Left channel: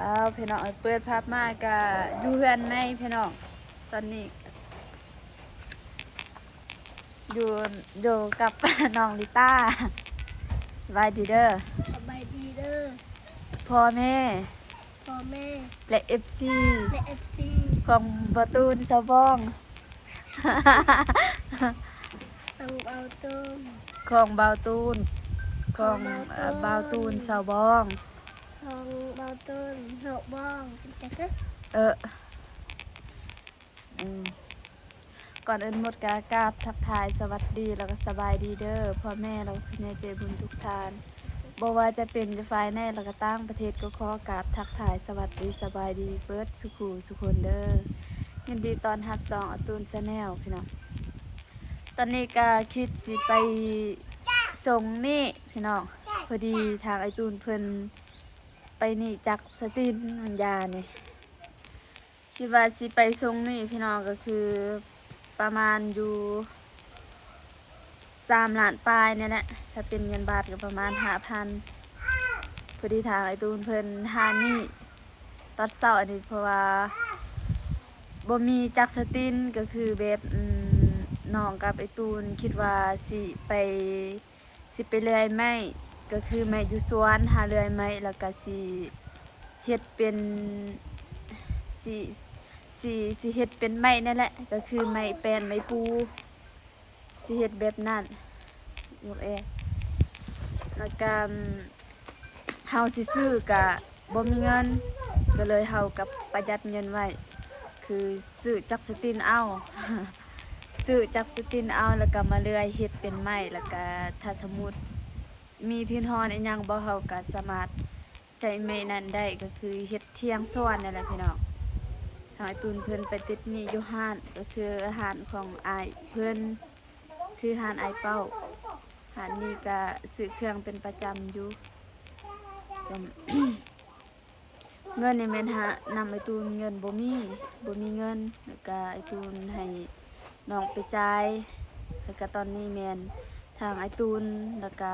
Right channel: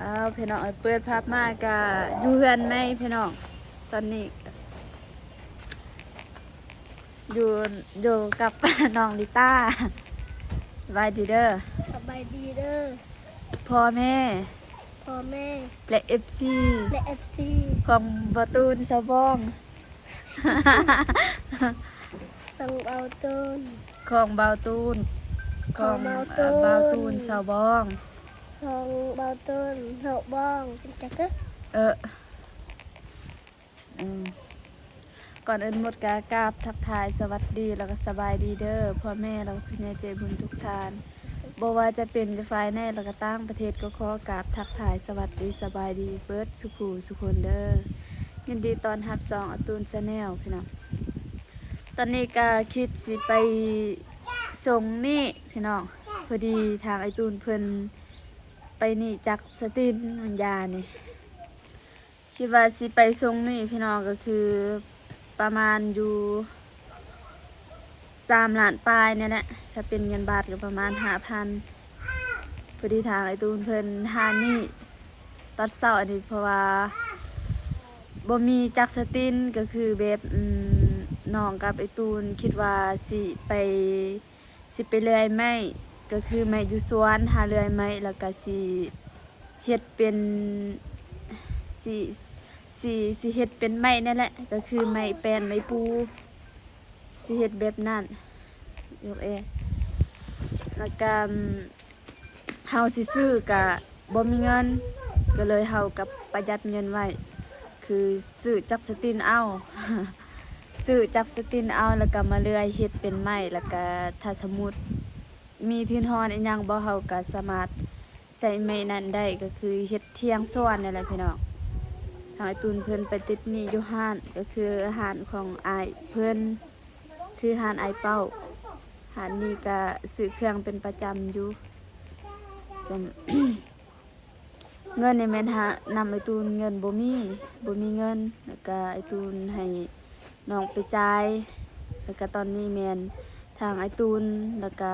อ้าวพี่น้องเปิดภาพมากะอยู่เฮือนในพี่น้องตอนนี้อยู่อยู่กับ น้องลิต้าสบายดีเด้อสบายดีเด้อพ่อแม่พ่อแม่และเอฟซีและเอฟซีของบอตูนสาวบ้อง สังเบาต้นของเบาตูนของ ของเบาตูนเบาตูนสาวบ้อง สังเบาต้นเฮาบ้องเป็นจักเด้อเอออืมก่อนอื่นหมดกากราบทักทายสวัสดีแล้วก็สบายดีเด้อพ่อแม่แล้วก็พี่น้องใจบุญทุกท่านบ่ว่าจะเป็นจะฝ่ายในแล้วก็ต่างประเทศก็ขอกราบทักทายสวัสดีสบายดีเบิดสุขูสุคนเด้อยินดีตอนรับสองอตูนชาแนลพี่น้องตอนนี้ก็คิดสิไปส่งนี่พี่น้องพอดีทางไอตูนเพิ่นไปนี่จากสตินวิญญานี่คิดว่าสิไปส่งนี่พี่น้องก็คือประมาณอยู่3 ล้านปลายเนี่ยแหละถ้าเป็นเงินบาทก็ประมาณ5,000พอดีทางไอตูนเพิ่นหานี่ตอนเช้าอันนี้เพราะว่าบ่มีจักสตินก็คือแบบน้องกับไอตูนคิดว่าสิไปเลื่อยไม้ก็คือไม้อยู่สวนหาเลื่อยไม้แล้วก็สิเฮ็ดเป็นสิสิเฮ็ดเป็นไม้นั่นแหละก็คือไม้แปลนไม้ปูสิเฮ็ดแบบนั้นยกแล้วก็เฮาสิซื้อกะบ่มีเงินก็เลยเฮากับประหยัดเงินไว้คือซื้อจักสตินเอา ซื้อจักสตินเอาแล้วก็มาเลื่อยเฮ็ดเป็นไม้แล้วก็ถ้าสมมุติมีทินฮอนอีหยังบ่เฮาก็สามารถใช้ไม้นั้นได้ก็คือเฮ็ดเทียงซ้อนนั่นแหละพี่น้องทางไอ้ตูนเพิ่นไปติดหนี้อยู่ห้านก็คืออาหารของอ้ายเพิ่นคือห้านอ้ายเป้าห้านนี้ก็ซื้อเครื่องเป็นประจำอยู่ก็ เงินในแม่นหานำไอ้ตูนเงินบ่มีเงินแล้วก็ไอ้ตูนให้น้องไปจ่ายแล้วก็ตอนนี้แม่นทางไอ้ตูนแล้วก็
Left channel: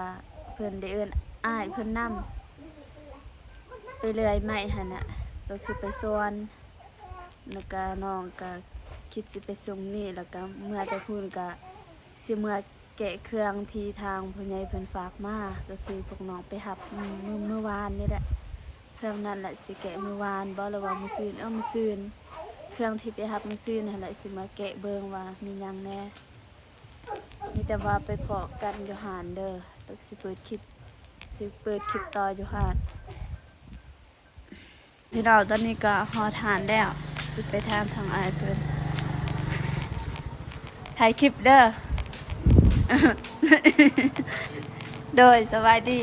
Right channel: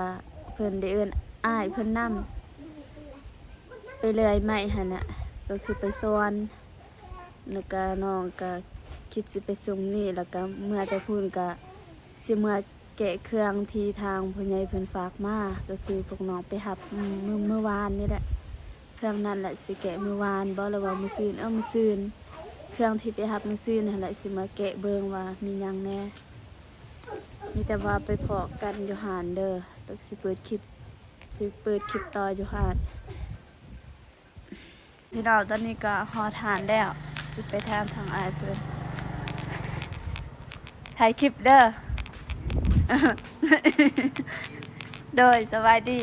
เพิ่นได้เอิ้นอ้ายเพิ่นนำไปเลื่อยไม้หั่นน่ะก็คือไปสวนแล้วก็น้องก็คิดสิไปส่งนี่แล้วก็เมื่อแต่พูนก็สิเมื่อแกะเครื่องที่ทางผู้ใหญ่เพิ่นฝากมาก็คือพวกน้องไปรับเมื่อวานนี่แหละเครื่องนั้นแหละสิแกะมื้อวานบ่หรือว่ามื้อซื่นมื้อซื่นเครื่องที่ไปรับมื้อซื่นนั่นแหละสิมาแกะเบิ่งว่ามีหยังแหน่มีแต่ว่าไปเพาะกันอยู่หานเด้อต้องสิเปิดคลิปต่ออยู่หานพี่น้องตอนนี้ก็ฮอดหานแล้วสิไปถามทางอ้ายเพิ่นถ่ายคลิปเด้อ โดยสวัสดี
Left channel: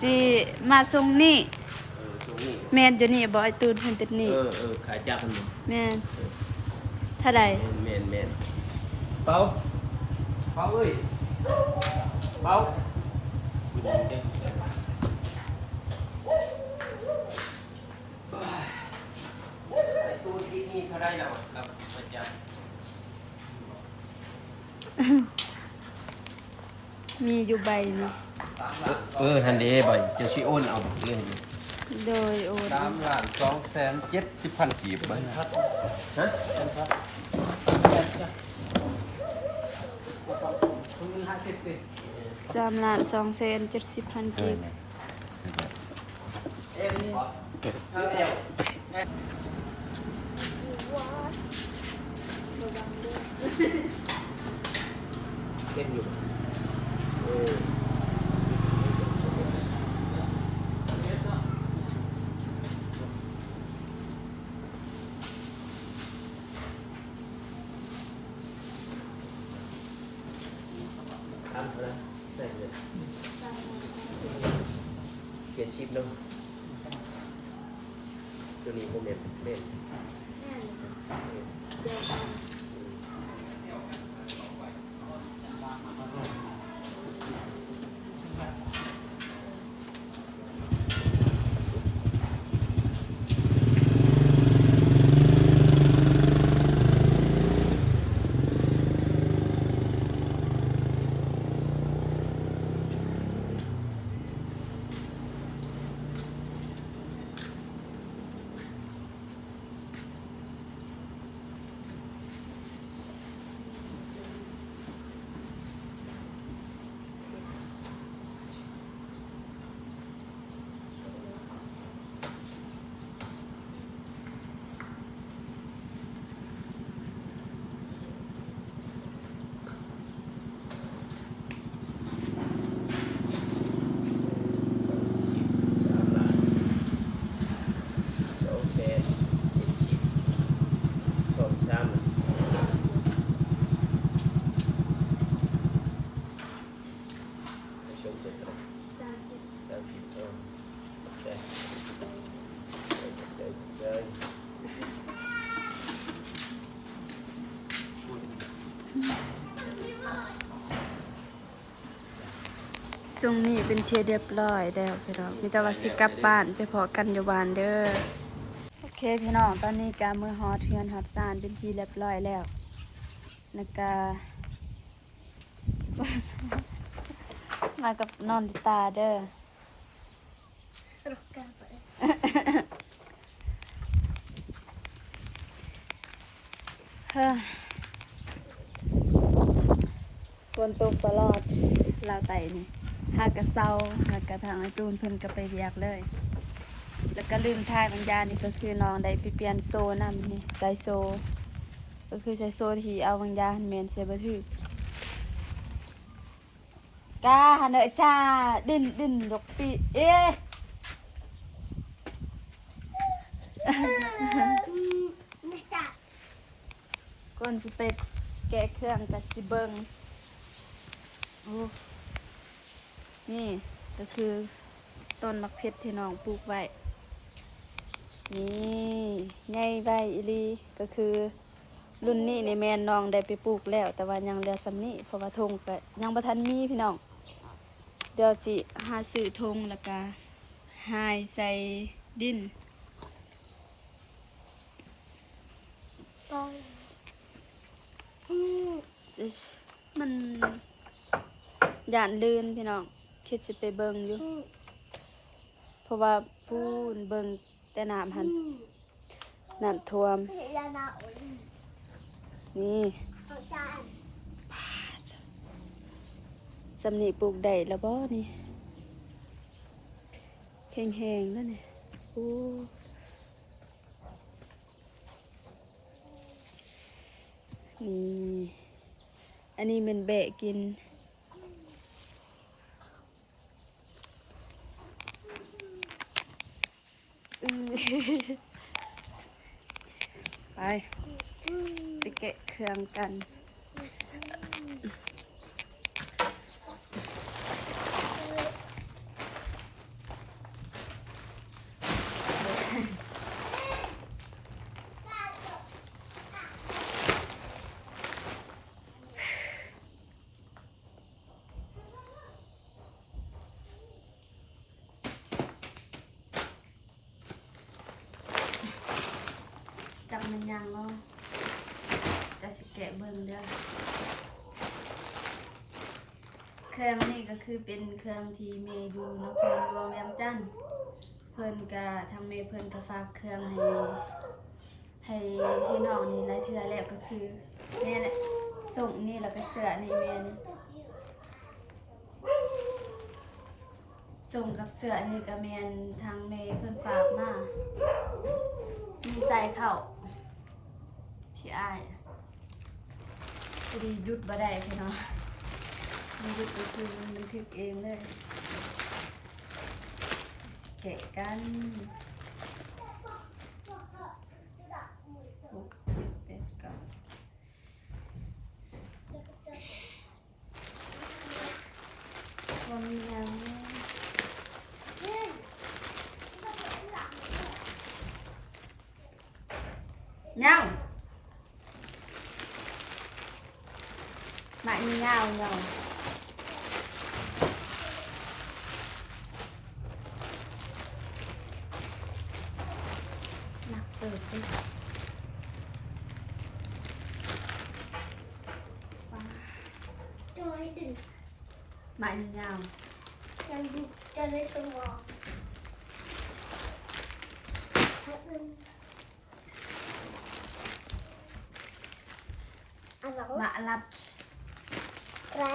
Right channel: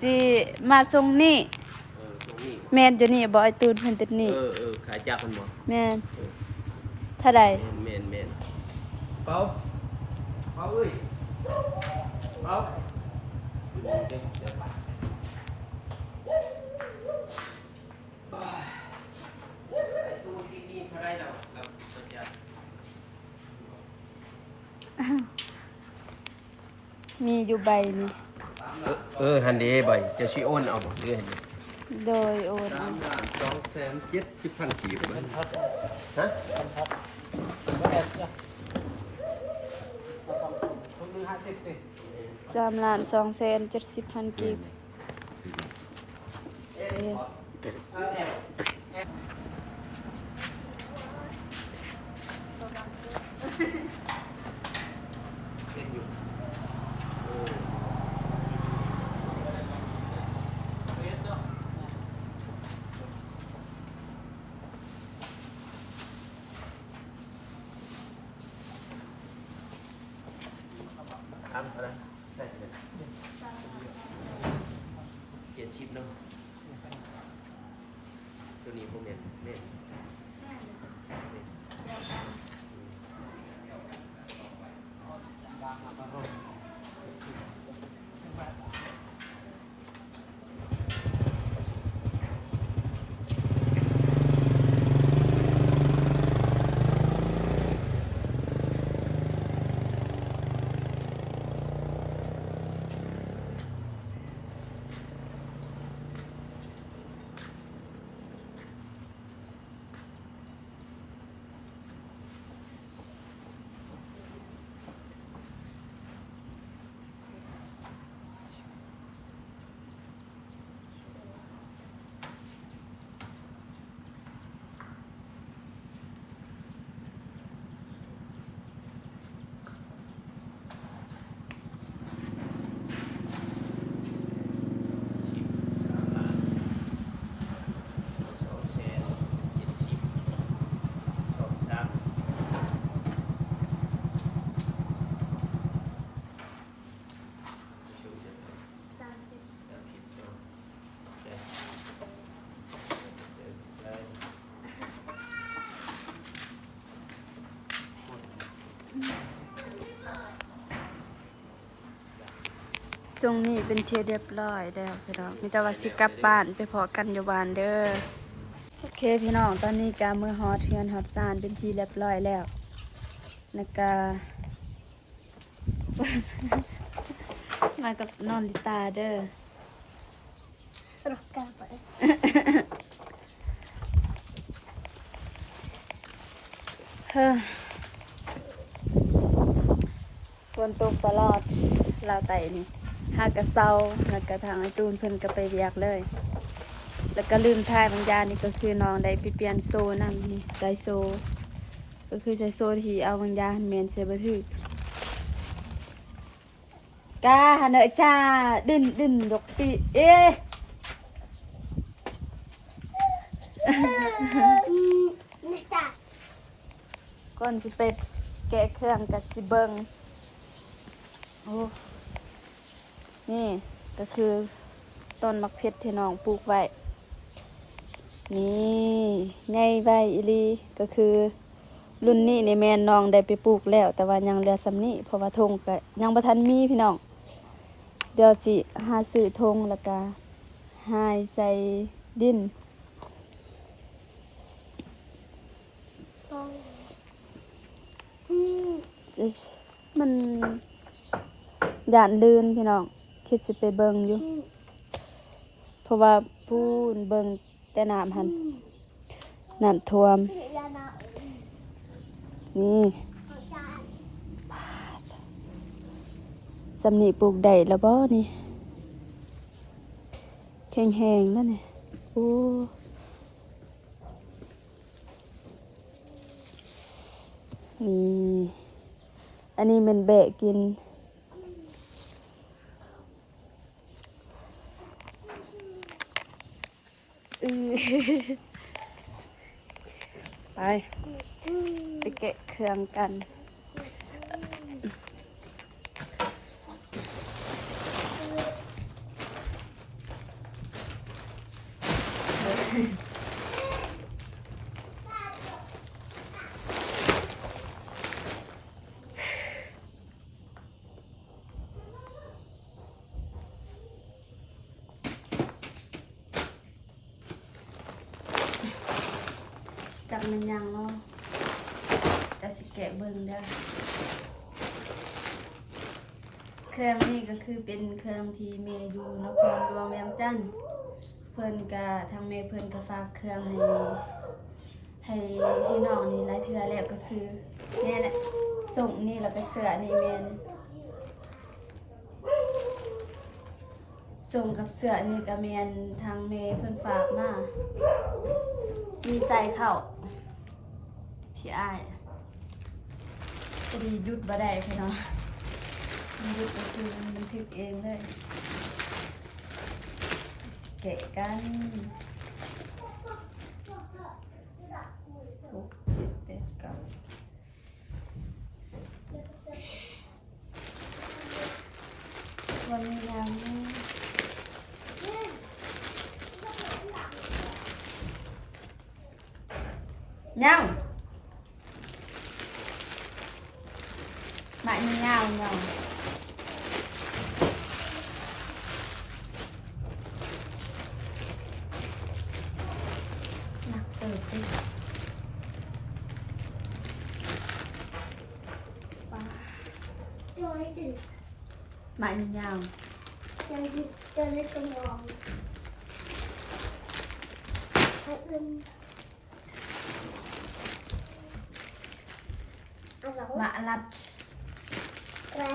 สิมาส่งนี่ตรงนี้ แม่นอยู่นี่บ่ไอ้ตูนเพิ่นติดนี่ขายจากมันบ่แม่นเท่าใดแม่นเป้าเอ้ยเป้ากินเด้ไอ้ตู้ที่นี่เขาได้แล้วครับอาจารย์มีอยู่ใบนี่ฮันเดใบจะสิโอนเอาเรื่องนี้ โดยโอน 3,270,000 กีบมั้งฮะ3,270,000กีบเป็นอยู่ทำอะไรได้เงิน70นึงตัวนี้บ่แม่นเดียวกัน เ เลย ทรงนี้เป็นเทียเรียบร้อยแล้วพี่น้องมีแต่ว่าสิกลับบ้านไปพอกันอยู่บ้านเด้อโอเคพี่น้องตอนนี้กามือฮอดเฮือนฮอดซานเป็นทีเรียบร้อยแล้วแล้วก็ มากับนอนลิตาเด้อ รักกันไป เฮ้อฝนตกตลอดลาวไต่นี่หากระเซาแล้วก็ทางไอตูนเพิ่นก็ไปเรียกเลย แล้วก็ลืมทายบางอยางนี่ก็คือน้องได้ไปเปลี่ยนโซ่นั่นนี่ใส่โซ่ก็คือใส่โซ่ที่เอาบางอยางแมนเสียบ่ถึกกาหันเด้อจ้าดึนดอกปีเอ๊ะ ไม่จ้ะ ก่อนสิไปแกะเครื่องกับสิเบิงโอ้นี่ก็คือต้นมะเพชรที่น้องปลูกไว้นี่ใหญ่ใบอีหลีก็คือรุ่นนี้ในแม่น้องได้ไปปลูกแล้ว แต่ว่ายังเหลือสำนี้เพราะว่าธงก็ยังบ่ทันมีพี่น้องเดี๋ยวสิหาซื้อธงแล้วก็หายใส่ดิน มันย่านลื่นพี่น้องคิดสิไปเบิงอยู่เพราะว่าพูนเบิงแต่น้ำหันน้ำท่วมนี่สำนีปลูกได้แล้วบ่นี่แห้งๆแล้วนี่โอ้นี่อันนี้มันแบะกินไปแกะเครื่องกันจับมันยังเนาะจะสิแกะเบิ่งเด้อเครื่องนี่ก็คือเป็นเครื่องที่เมย์อยู่นครหลวงแวมจันทน์เพิ่นก็ทางเมย์เพิ่นก็ฝากเครื่องให้น้องนี่หลายเทื่อแล้วก็คือแม่แหละส่งนี่แล้วก็เสื้อนี่แม่นี่ส่งกับเสื้อนี่ก็แม่นทางเมย์เพิ่นฝากมามีใส่เข้าที่อ้ายพอดีหยุดบ่ได้พี่น้องมันหยุดก็คือมันบันทึกเองเลยแกะกัน6 7 8 9วันนี้ยังยังmại như nhau nhau nặng từ từ mại như nhau cho lấy sông ngọn mạ lặt lá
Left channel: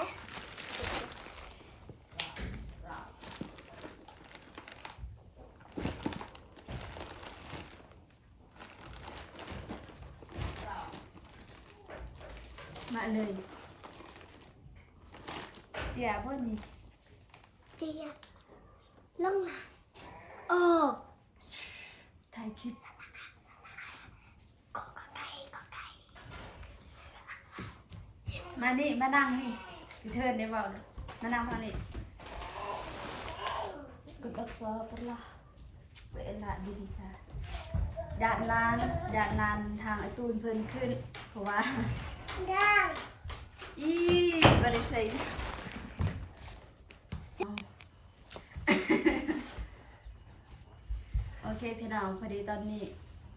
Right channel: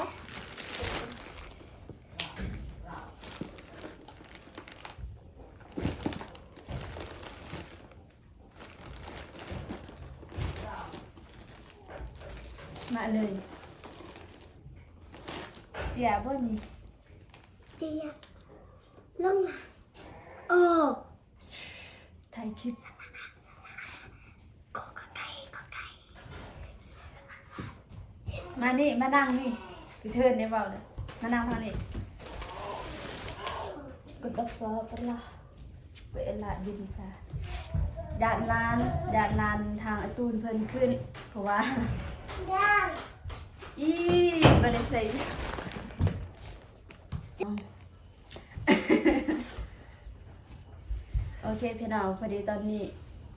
mạ lời chè bớt nhỉ chị nha lông là thầy kịp có cây มานี่มานั่งนี่คือเทิร์นได้เปล่าเนี่ยมานั่งทางนี้กดดับฟ้าปะล่ะเวลาดินซะ ญาติลานทางไอตูนเพิ่นขึ้น เพราะว่า อีบ่ได้ใส่ โอเคพี่น้องพอดีตอนนี้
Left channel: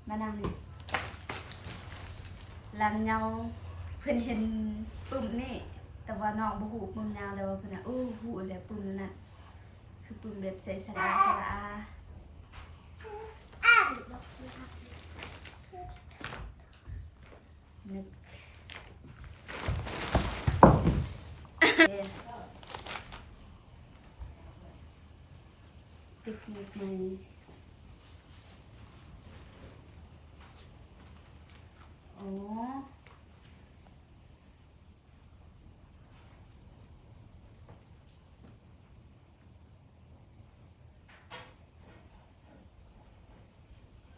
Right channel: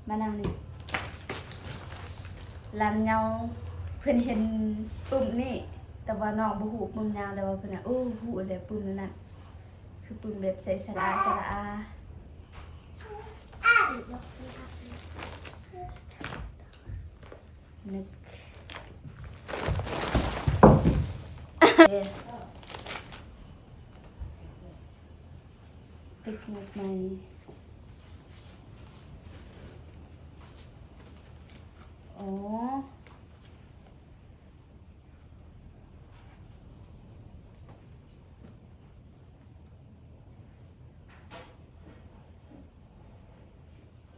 มานั่งนี่ลานเงาเพิ่นเห็นปุ่มนี่แต่ว่าน้องบ่ฮู้ปุ่มยาวแต่ว่าเพิ่นน่ะโอ้ฮู้แล้วปุ่มนั่นน่ะคือปุ่มแบบใส่สระอานึกเทคนิคใหม่อ๋อ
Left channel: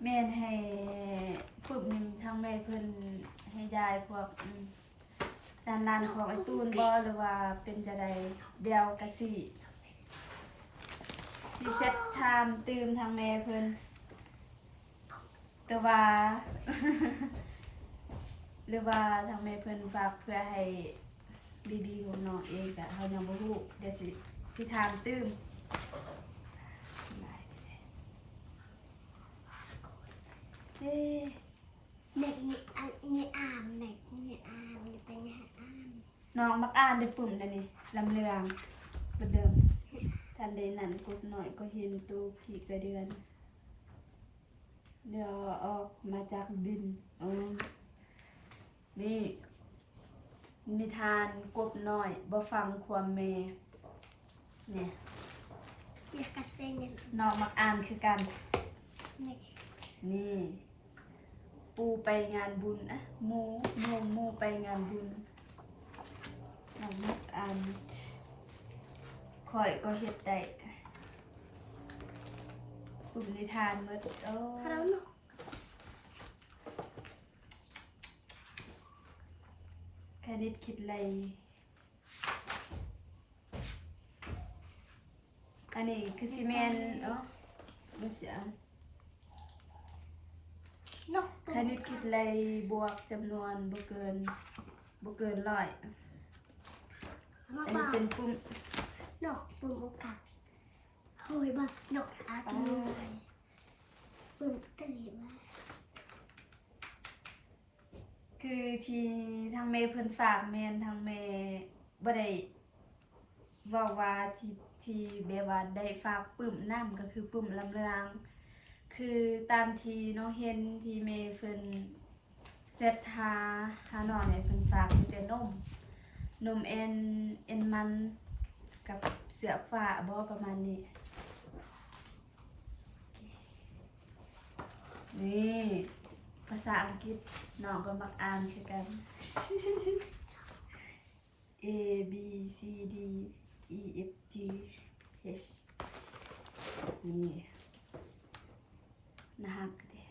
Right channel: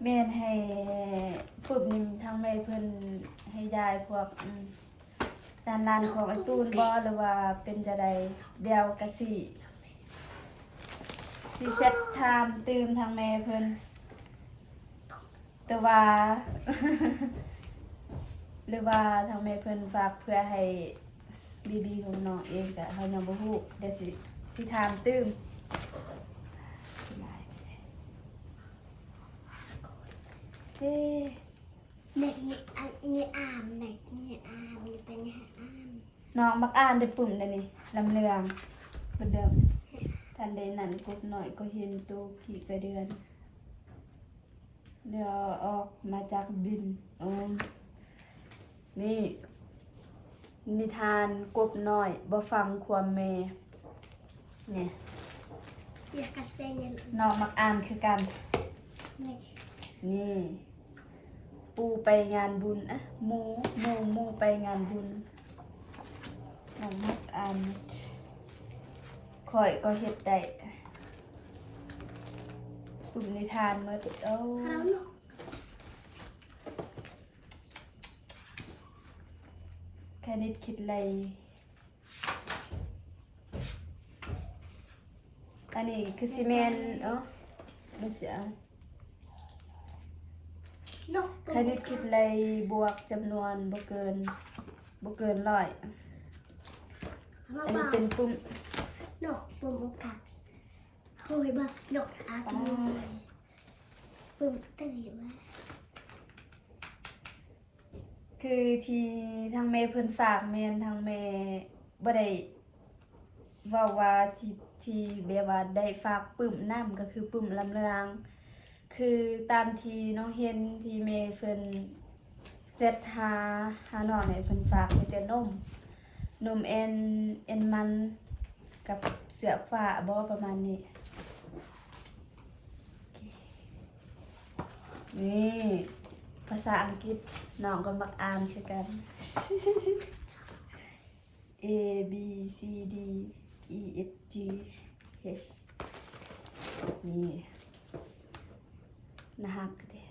แม่นให้ฝึกนิ่มทางแม่เพิ่นให้ยายพวกการลานของไอ้ตูนบ่หรือว่าเป็นจะใดเดียวกะสิเซตไทม์ตื่มทางแม่เพิ่นแต่ว่า หรือว่าทางแม่เพิ่นฝากเพื่อให้บีของน้องเองก็เฮายังบ่ฮู้เดี๋ยวสิถามตื่มเจ้ เด็กนี่อ่านเด็กนี่อ่านนี่เป็นไงอ่าน น้องมักอ่านได้ปุ่มได้นี่ลำเลืองบ่เดิมทันใดนั้นกดหน่อยก็เห็นตูขี่กระเดือนเดี๋ยวออกมาจากดินนี่นิทานกบน้อยบ่ฟังความแม่นี่ อยากกระเซ็งเนี่ย น้องมักอ่านคือกัน นี่ นี่ปูไปงานบุญอะหมูไปงานบุญน้องมักอ่านข่อยก็เฮ็ดได้ปุ่มนิทานเมื่อโอ้ เราเนาะ คณิตคิดอะไรอันนี้คือซีเมนไม่เสีย นก คณิตคิดอะไรบวกจำนวนบ่เกิน100อันนี้เป็นปุ่ม นกปุ่มโอกาสเฮ้ยบ้านกอาตุยปุ่มตื่นมา คือที่ทางเมย์เพิ่นฝากแม่นทางเมย์บ่ได้เว้าว่าที่แบบว่าได้ฝากปึ้มน้ำก็คือปึ้มลำเลืองคือตามที่น้องเห็นที่เมย์เพิ่นเซตหาน้องให้เพิ่นฝากมีแต่นมเอ็นมันกับเสือฟ้าบ่ประมาณนี้นี่ภาษาอังกฤษน้องก็มักอ่านคือกัน A B C D E F G H นี่นะฮักเด้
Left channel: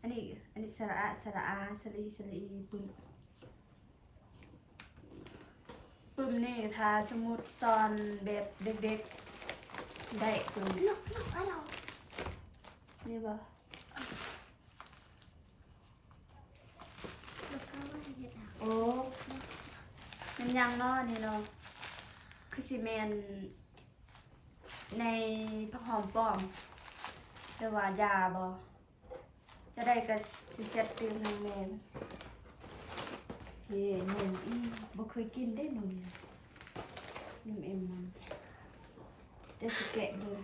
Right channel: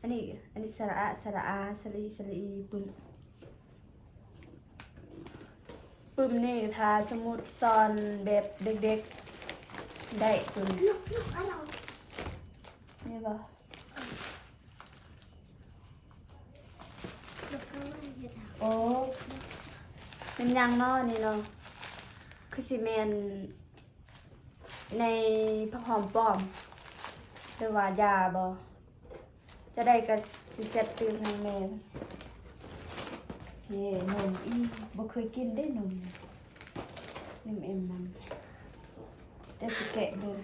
อันนี้สระอาสระอีปึ้มนี่ถ้าสมมุติสอนแบบเด็กๆได้ปึ้ม นกอะไร นี่บ่ นกอะไรเนี่ยนะ โอ้มันยังเนาะนี่เนาะคือสิแมนในผักหอมป้อมแต่ว่ายาบ่จะได้ก็สิเซ็ตตื่นให้แม่เฮ้นมบ่เคยกินได้นมเอ็มมันเดี๋ยวสิแกะเบิ่ง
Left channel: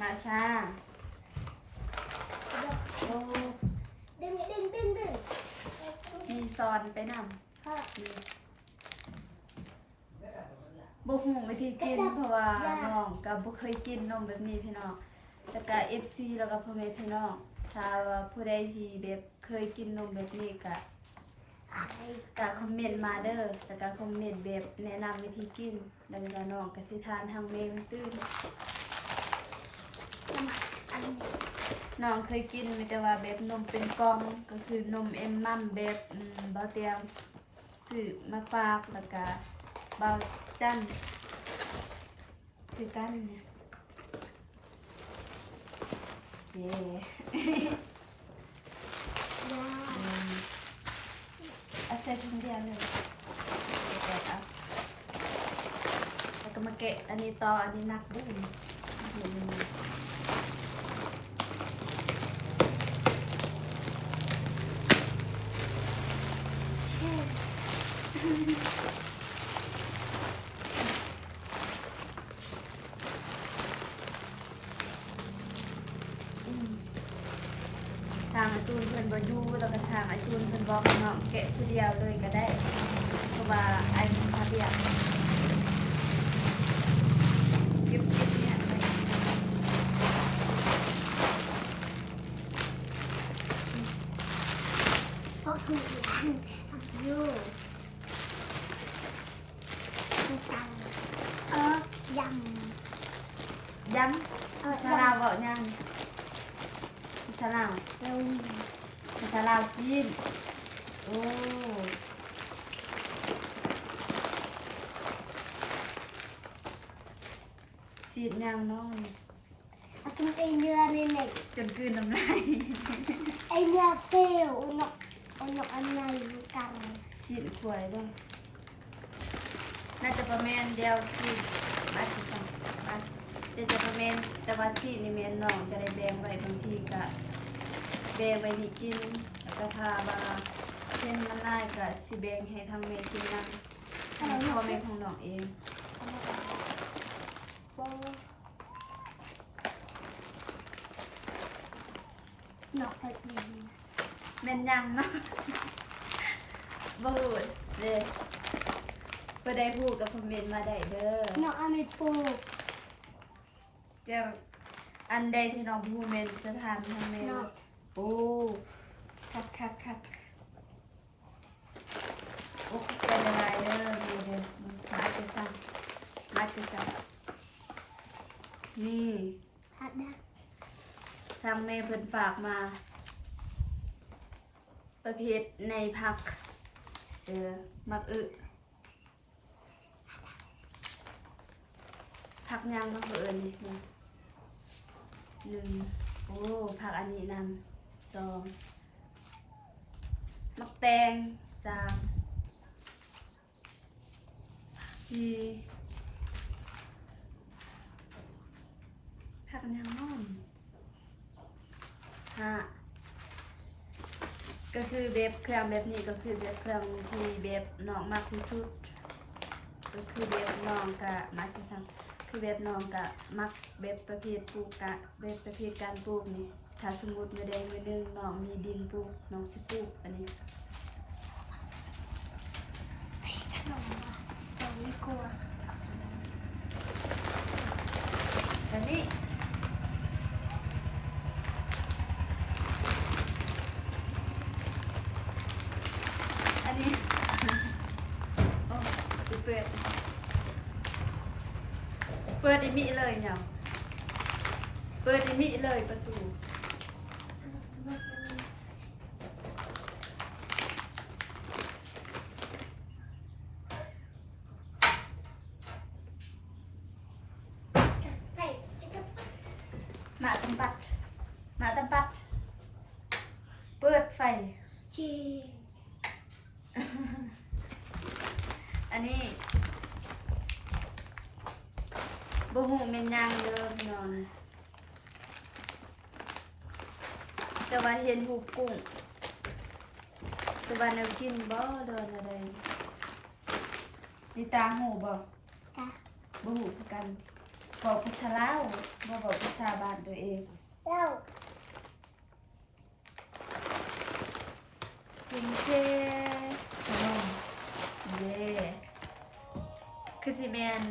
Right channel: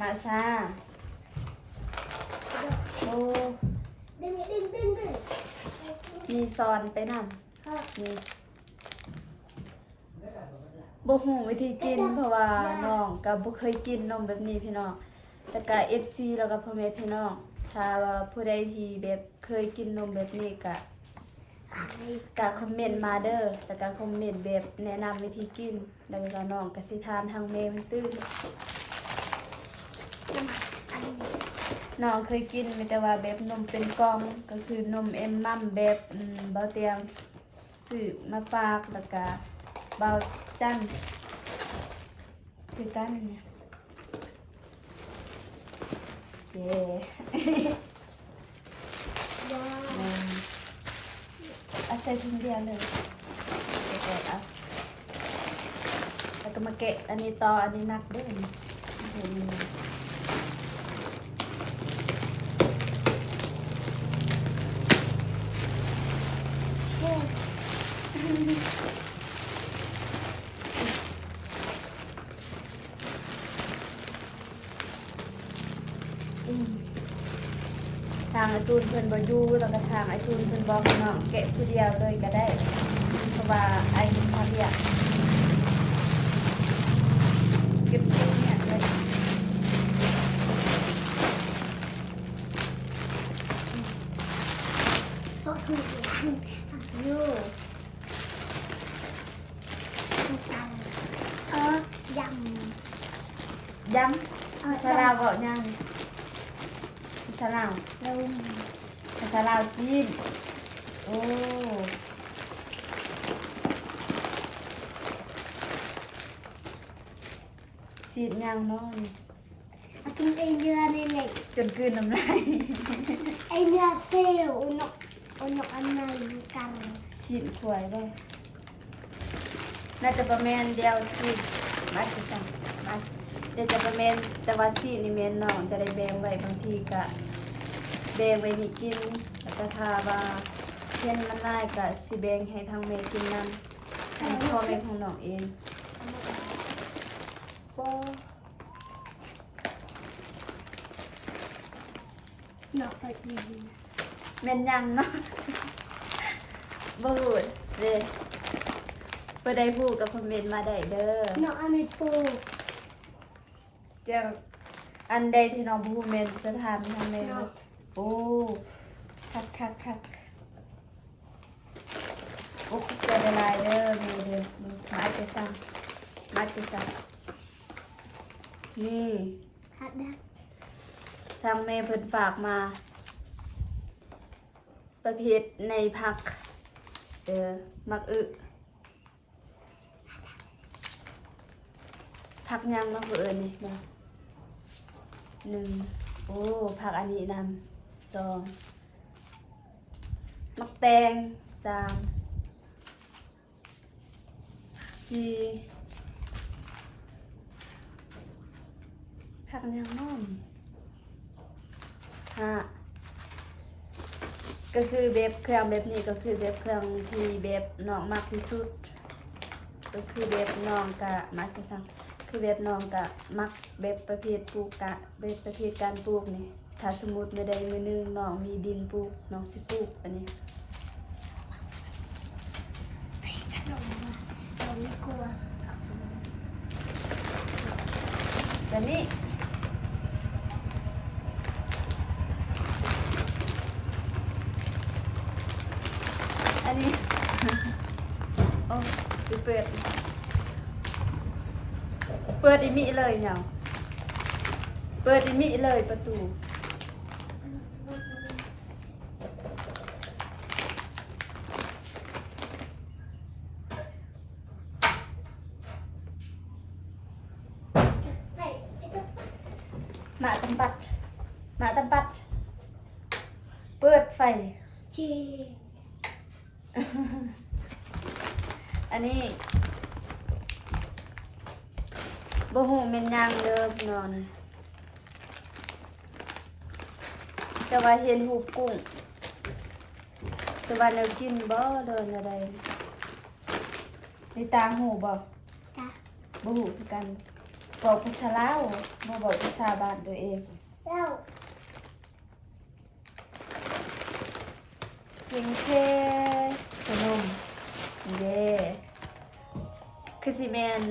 มาซาโอ้ ดึง มีซอนไปนำนี่บ่ฮู้วิธีกินเพราะว่าน้องก็บ่เคยกินนมแบบนี้พี่น้องแต่ก็ FC แล้วก็พ่อแม่พี่น้องถ้าว่าผู้ใดที่แบบเคยกินนมแบบนี้ก็คอมเมนต์มาเด้อแล้วก็คอมเมนต์แบบแนะนำวิธีกินแล้วก็น้องก็สิทานทางแม่มันตื้อ อันนี้ น้องเคยกินมีแต่ว่าแบบนมเป็นกล่องก็คือนมเอ็มมัมแบบเบาเตียง สื่อมาฝากแล้วก็เบาจันคือกันเนี่ยเย้ ยา เอาใส่ถุงเดียวเลยเดี๋ยวเอาแล้วก็มาแกะอันนี้ต่ออันนี้นักด้วยนี่เห็นไหม เช่น อืมทางไอตูนเพิ่นบ่อยู่แล้วก็ทางไอตูนเพิ่นบอกให้น้องแกะผู้เดียวเลยก็ได้เพราะว่าไอ้คุณพาเรียกเก็บที่เนี่ยเลย เพราะถูกอยู่ถูกตังยำ ย้ำภาษาลาวเว้ายังภาษาลาว ลุง ภาษาลาวซีนโอ้ซีนยังเนาะนี่ เอากินไอเนื้อในเหล็ก จนกลืนน้ำลาย ไอเนื้อเซลล์อุนกอันไหนกัน ซีนขวยบ่น่าจะประมาณเดียวซีนมาสิสั่งมาเดี๋ยวจะประมาณแต่ว่าซีนนี่แม่นน้องจะได้แบ่งไว้บางทีก็แบ่งไว้ให้กินแล้วก็ถ้าว่าเช่นน้ำลายก็สิแบ่งให้ทางแม่กินนำให้พ่อแม่ของน้องเองบ่ นกกระดิ่ง แม่นยังเนาะ บ่ฮู้เด้เพิ่นได้ฮู้กับคอมเมนต์มาได้เด้อน กอันไม่ปลูก เจ้าอันใดที่น้องบ่ฮู้แม่นสถานทางแม่ นก โอ้คักโอ้ขอบใจหลายๆเด้อนี่เด้อมึงมาจะสั่งนี่ ฮัดดัก ทางแม่เพิ่นฝากมา ประเภทในผักมักผักยังมักนี่นะหนึ่งโอ้ผักอันนี้นำสองมักแตงสามสี่ผักยังน้อมห้าก็คือเบบเครื่องแบบนี้ก็คือเบบเครื่องที่เบบน้องมากที่สุดก็คือเบบน้องกะมักที่สุดคือเบบน้องกะมักเบบประเภทปลูกกะเบบประเภทการปลูกนี่ถ้าสมมุติไม่ได้มื้อนึงน้องมีดินปลูกน้องสิปลูกอันนี้ ไอ้ขนมว่ะเราไม่กลัวอสุร แต่นี่อันนี้ โอ้สิเปิดอีมิเลยเนี่ยเปิดอีมิเลยประตูหมาตำปัดเปิดไฟ จี อันนี้บ่ฮู้แม่นยางเด้อพี่น้อง แต่ว่าเห็นหูปกุ้งแต่ว่าแนวกินบ่เดินอะไรในตาหูบ่ จ้ะ บ่หูคือกันบอกภาษาลาวบ่บอกภาษาบ้านตัวเอง เล่า จิงเจขนมเย่คือสิแม่น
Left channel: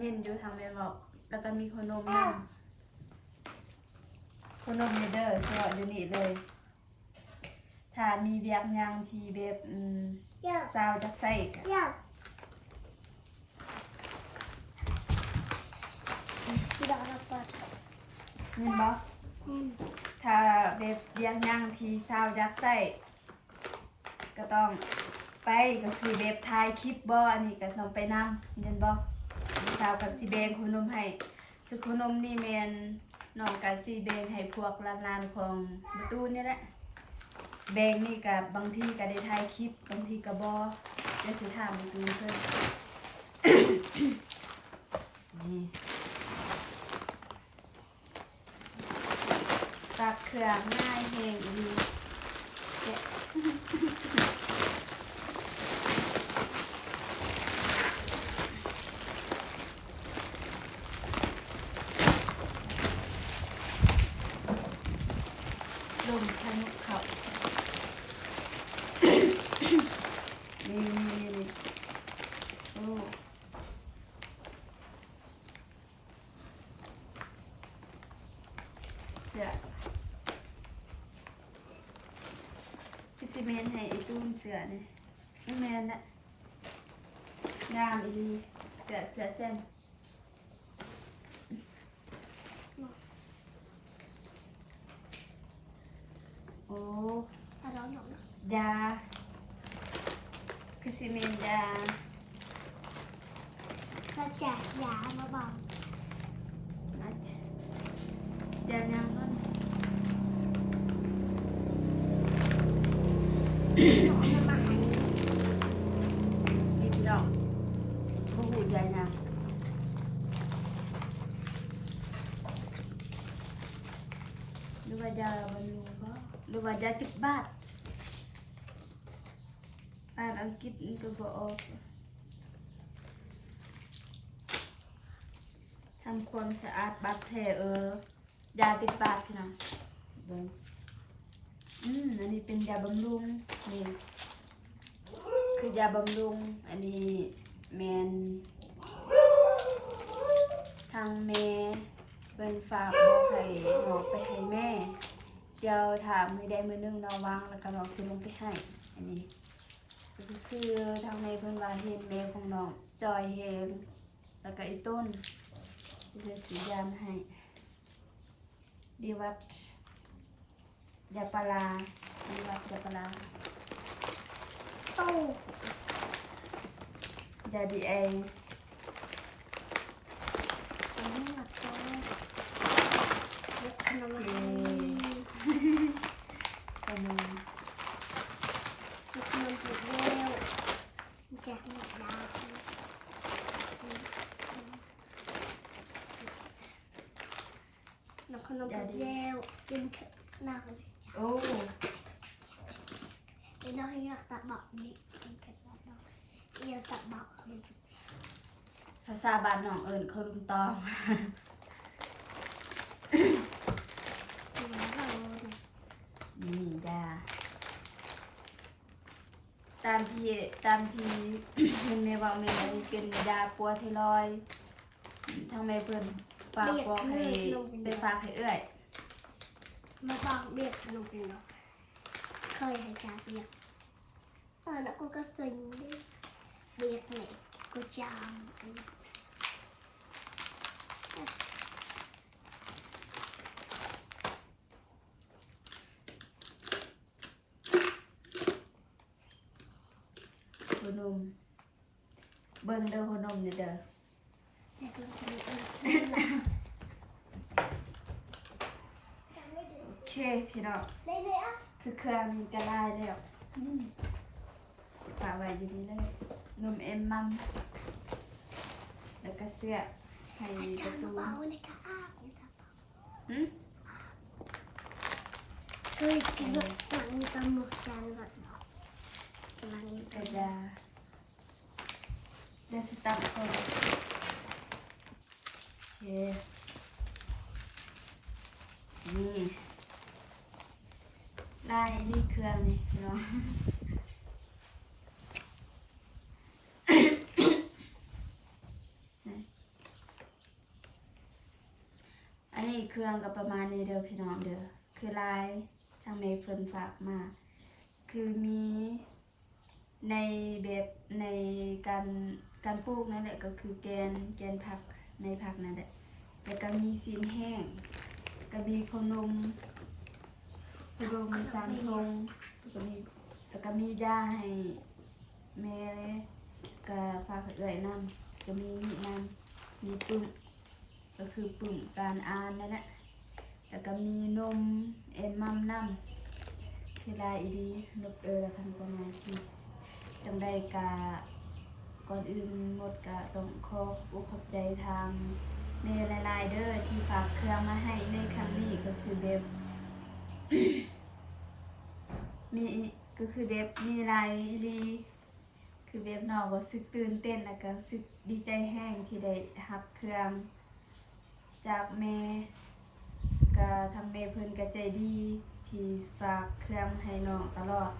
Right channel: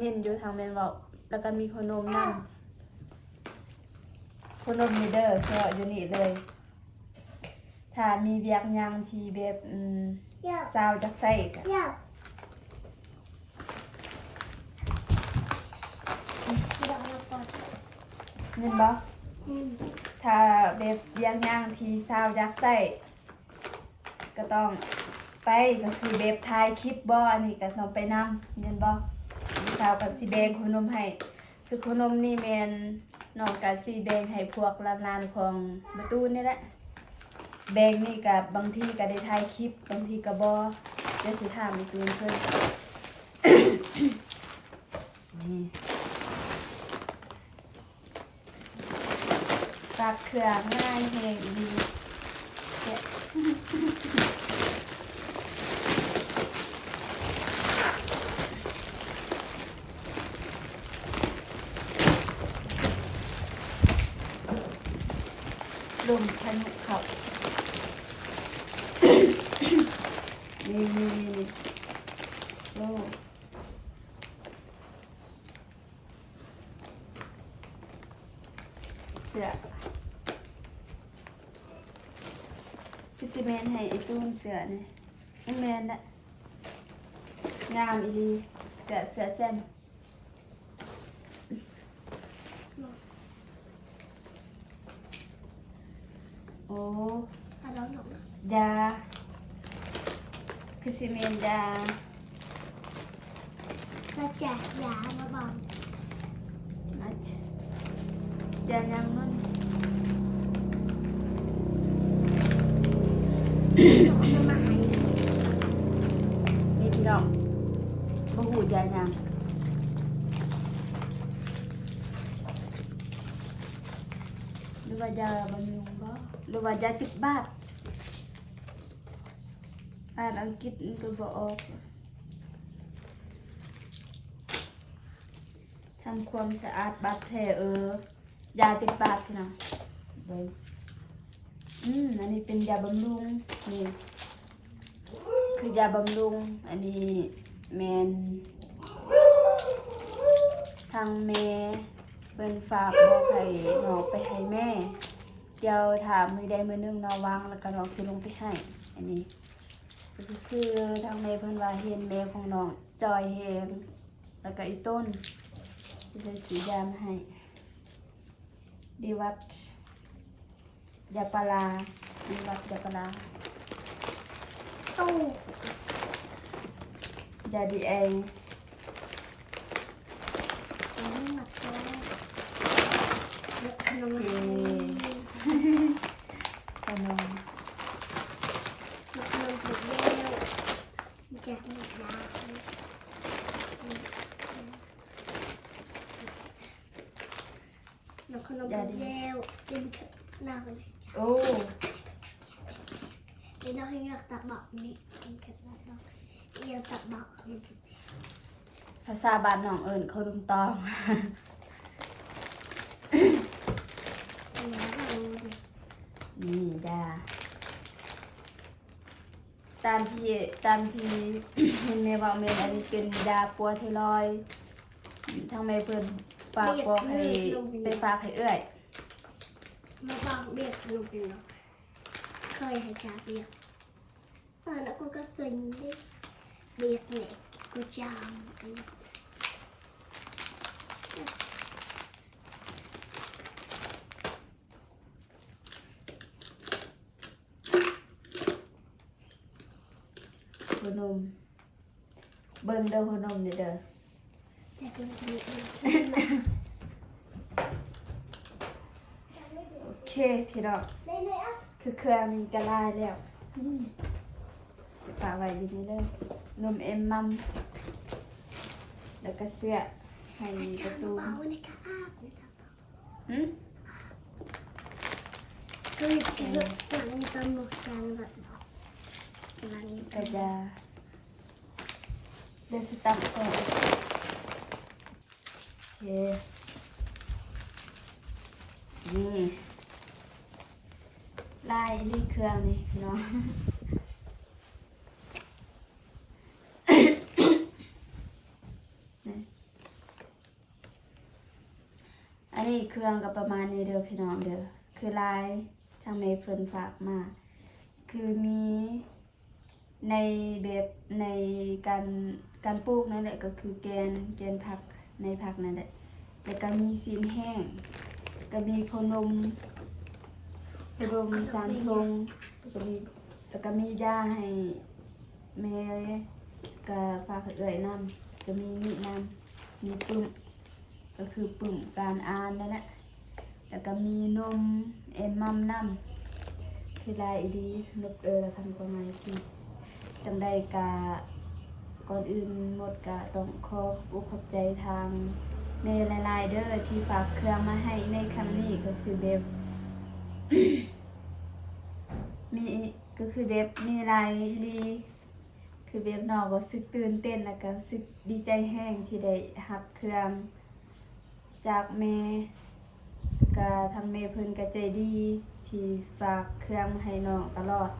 ยินอยู่ทางแม่บอกแล้วก็มีขนมนำขนมนี่เด้อซอยอยู่นี่เลย ถ้ามีเวียกหยังที่แบบ เล่า ซาวจักใส่ก็ เล่า เงินบ่ถ้าแบบเวียกหยังที่ซาวจักใส่ก็ต้องไป ไปก็คือแบบถ่ายคลิปบ่อันนี้ก็ต้องไปนำเห็นบ่พี่สาวก็สิแบ่งขนมให้คือขนมนี่แม่นน้องก็สิแบ่งให้พวกหลานๆของประตูนี่แหละแบ่งนี่ก็บางทีก็ได้ถ่ายคลิปบางทีก็บ่เดี๋ยวสิถามประตูเพิ่น นี่ตักเครื่องง่ายแฮงอีหลีแกะ ลมพายุเขานี่โอ้เสือพี่ซีเมนให้ไอ้ตู้นเสือนี่ไอ้แมนน่ะงามอีดีเสือเส้นโอ้ ถ้าเราหนก ยาคือซีเมนยา จะแจกยามาบอม มัดยายังมัน นกน้ำมาให้ นี่พี่น้องบ่หูยายังหรือว่ายาบำรุงบ่หรือว่ายาจิบบาดอ่านอังกฤษมันก็บ่ออกทำความสะอาดบาดแผลยาติดบาดพี่น้องเบิ่งอันนี้เป็นยาบำรุงนี่คือยาบำรุงอันนี้แมนทางแม่เป็นฝากบอกให้น้องไปให้แม่เดี๋ยวถามมือใดมือหนึงน้องวางแล้วก็น้องสิลงไปให้อันนี้ก็คือทางแม่เพิ่นว่าเห็นแม่ของน้องจอยแฮงแล้วก็อีต้นที่เลยสียามาให้ดีวัดยาปลาดีวัดยาปลา ตู้ ยาดีเอง น้ำหมักตัวขนม เจ ขนม ขนมถูกแล้วแจกหมดยาน้ำขนมถูกแล้วกินหน้ากันเลย โอ้ เดี๋ยวเราให้อยากตักบอกนี่กินแค่ตักบอกอยากตักบอกขนม ภาษาบ้านน้องเอิญเขาลุงตอง แล้วก็รู้เลย นี่จ้าตามที่ เห็นแม่บอกแม่อันนี้เป็นยาปัวไทรอยด์ทางแม่เพิ่นฝากบอกให้ไปฝากให้เอื้อย มาบอกเบียกขนมเป็นเนาะเคยให้จ่าเบียกแล้วกูก็ซึ้งดิเบียกเนี่ยกูจามไอ้ หัวนมเบิ่งเด้อหัวนมนี่เด้อ แต่กูจะมีอีก โอเคพี่น้องคือเครื่องมีกระลายแล้วสิฝากไว้อยู่นี่เลยนมเอ็มมัมแล้วก็เสื้อให้ประตู เบาในกระอาบในกระเป๋า หืม เฮ้ยกินหลังตำหมกจานแบบกำลัง กระยาเดี๋ยวสิตักก่อนโอเคนี่ลายนี่เครื่องนี่พี่น้อง อันนี้เครื่องก็ประมาณนี้เด้อพี่น้องเด้อคือลายทางเมย์เฟินฝากมา คือมีในแบบในการปลูกนั่นแหละก็คือแกนผักในผักนั่นแหละแล้วก็มีซีนแห้งก็มีขนมสามทงแล้วก็มียาให้ แม่ก็ฝากเอ่ยนำก็มีนี่นำมีปึ้มก็คือปึ้มการอ่านนั่นแหละแล้วก็มีนมเอ็นมัมนำคือลายอีดีนบแล้วคันประมาณที่จังได้กาก่อนอื่นหมดก็ต้องขอบใจทางแม่หลายๆเด้อที่ฝากเครื่องมาให้ในครั้งนี้ก็คือแบบ มีก็คือแบบมีลายดีคือแบบน้องก็รู้สึกตื่นเต้นแล้วก็รู้สึกดีใจแห้งที่ได้รับเครื่องจากแม่ก็ทางแม่เพิ่นก็ใจดีที่ฝากเครื่องมาให้น้องตลอด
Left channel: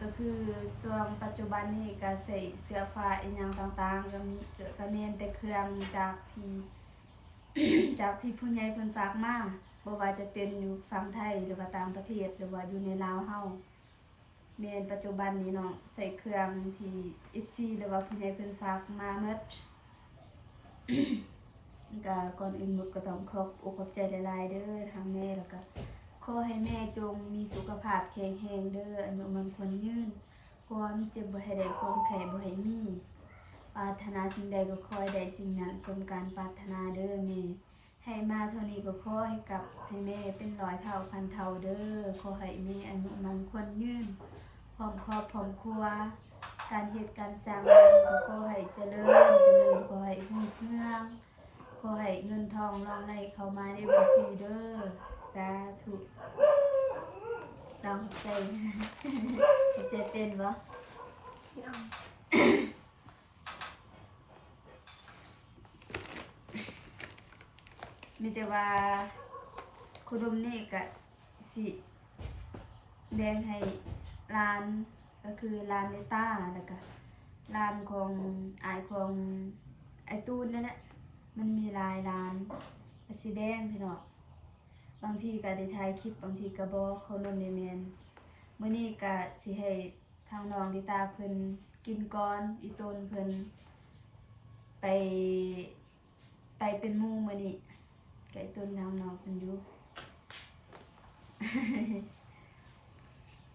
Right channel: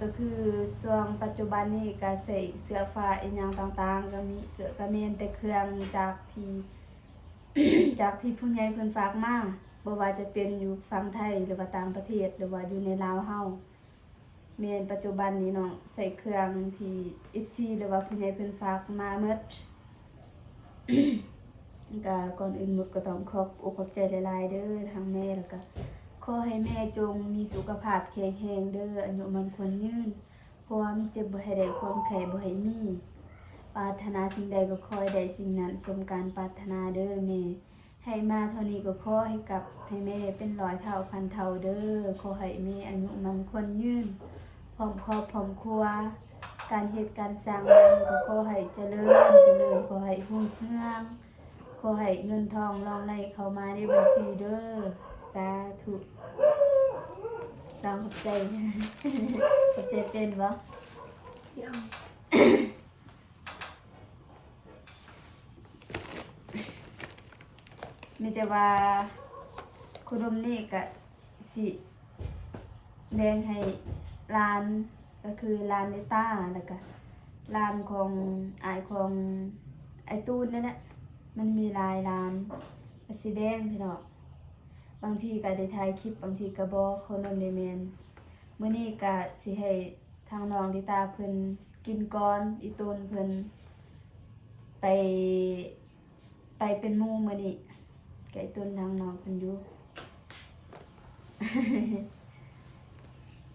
ก็คือช่วงปัจจุบันนี้ก็ใส่เสื้อผ้าอีหยังต่างๆก็มีก็แม่นแต่เครื่องจากที่ จากที่ผู้ใหญ่เพิ่นฝากมาบ่ว่าจะเป็นอยู่ฝั่งไทยหรือว่าต่างประเทศหรือว่าอยู่ในลาวเฮาแม่นปัจจุบันนี้เนาะใส่เครื่องที่ FC หรือว่าผู้ใหญ่เพิ่นฝากมาหมด ก็ก่อนอื่นหมดก็ต้องขอบใจหลายๆเด้อทางแม่แล้วก็ขอให้แม่จงมีสุขภาพแข็งแรงเด้ออายุมันควรยืนความเจ็บบ่ให้ได้ความไข้บ่ให้มีปรารถนาสิ่งใดก็ขอให้ได้สิ่งนั้นสมการปรารถนาเด้อแม่ให้มาเท่านี้ก็ขอให้แม่เป็นร้อยเท่าพันเท่าเด้อขอให้แม่อายุมันควรยืนพร้อมครอบพร้อมครัวการเฮ็ดการสร้างบ้านก็ขอให้เจริญขอให้รุ่งเรืองขอให้เงินทองรองไหลเข้ามาในบัญชีเด้อสาธุลองขอบใจ ขอบใจเป็นบ่ เอา มีแต่ว่าคุดมนี่ก็สิแบ่งให้ร้านก็คือร้านในต้าแล้วก็ร้านของของไอตูนนั่นแหละมันมีหลายร้านก็สิแบ่งพี่น้องบางทีก็ได้ถ่ายคลิปบางทีก็บ่คนนได้แม่นมื้อนี้ก็สิให้ทางน้องลิตาเพิ่นกินก่อนอีตูนเพิ่นไปเป็นหมู่มื้อนี้ไก่ต้นทางน้องเพิ่นอยู่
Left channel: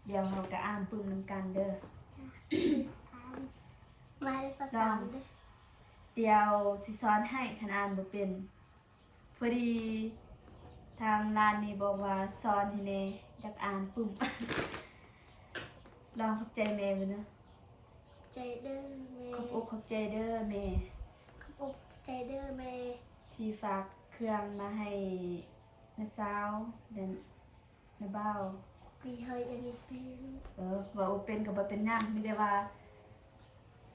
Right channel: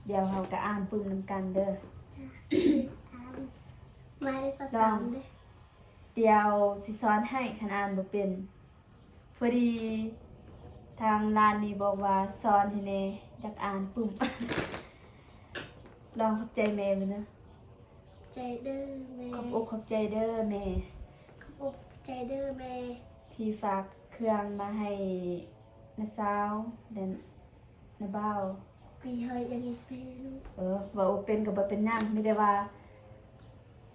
เดี๋ยวเขาก็อ่านปึ้มนำกันเด้อ มาได้ประสานด้วย เดี๋ยวสิสอนให้คันอ่านบ่เป็นพอดีทางร้านนี้บอกว่าสอนให้แน่อยากอ่านปึ้ม ลองขอบใจแม่เบิ่งเด้อ ใจเด้อแม่ ขอบอกขอบใจเด้อแม่ ขอบอกใจเด้อแม่ ที่ฝากเครื่องมาให้น้าสาวเดินน้าบ่าว คุยเฮยยังอีกเป็นลูก ว่าบ่เป็นก็บ่เป็นหยังมีแต่ว่า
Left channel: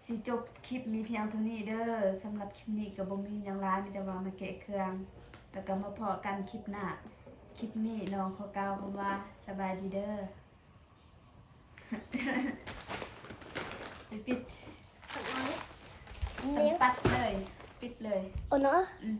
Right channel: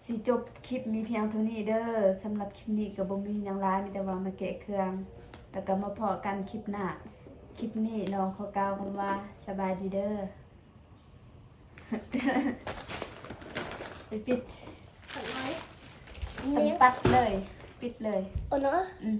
สิจบคลิปมีเพียงเท่านี้เด้อสำหรับคลิปนี้ก็บ่มีหยังหลายมีแต่ว่ามาแกะเครื่องแล้วก็มาพอกันคลิปหน้าคลิปนี้น้องขอกล่าวคำว่าสบายดีเด้อ ไปปิด สักน้อย ตัดเลยปิดเลย โอ้เนาะ อืม